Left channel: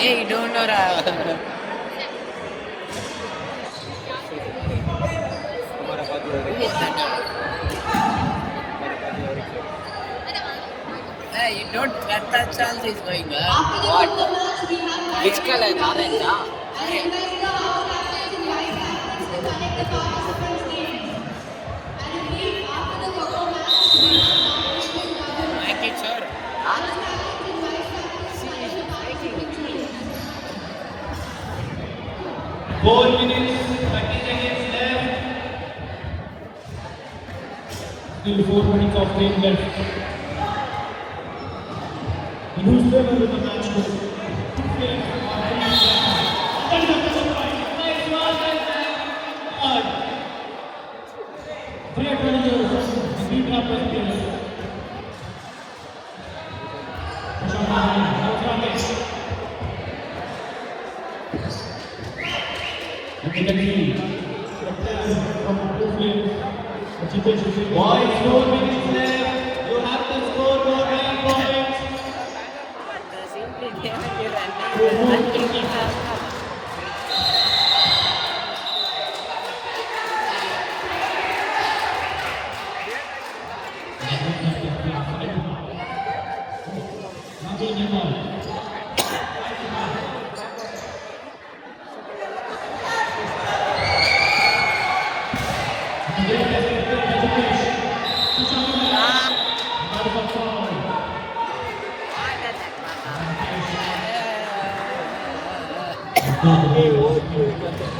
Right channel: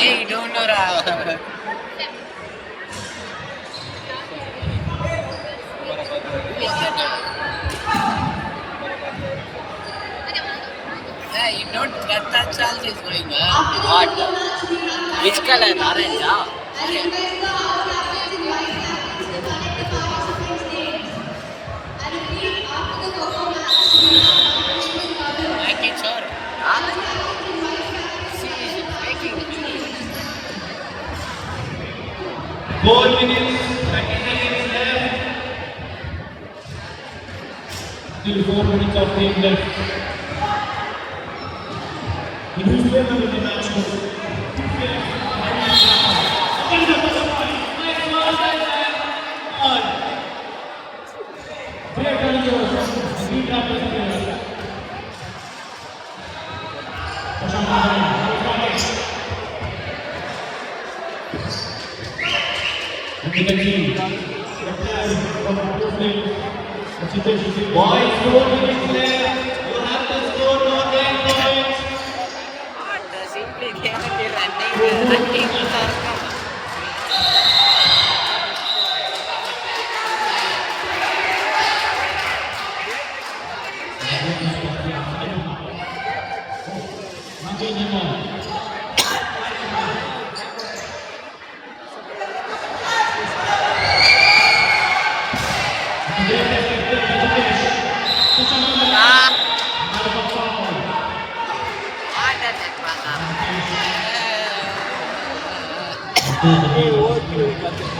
Hey, don't know ra. Hey, you don't get that chance is going on. What? Which color? Orange, ah? Like it, sir. Huh? See, she's making it. 4 minutes, 30 seconds left. Still 4 minutes of game left. Whosoever will be match Boys, 4 minutes left. You have to score more 9 points. The simply game is running. Good.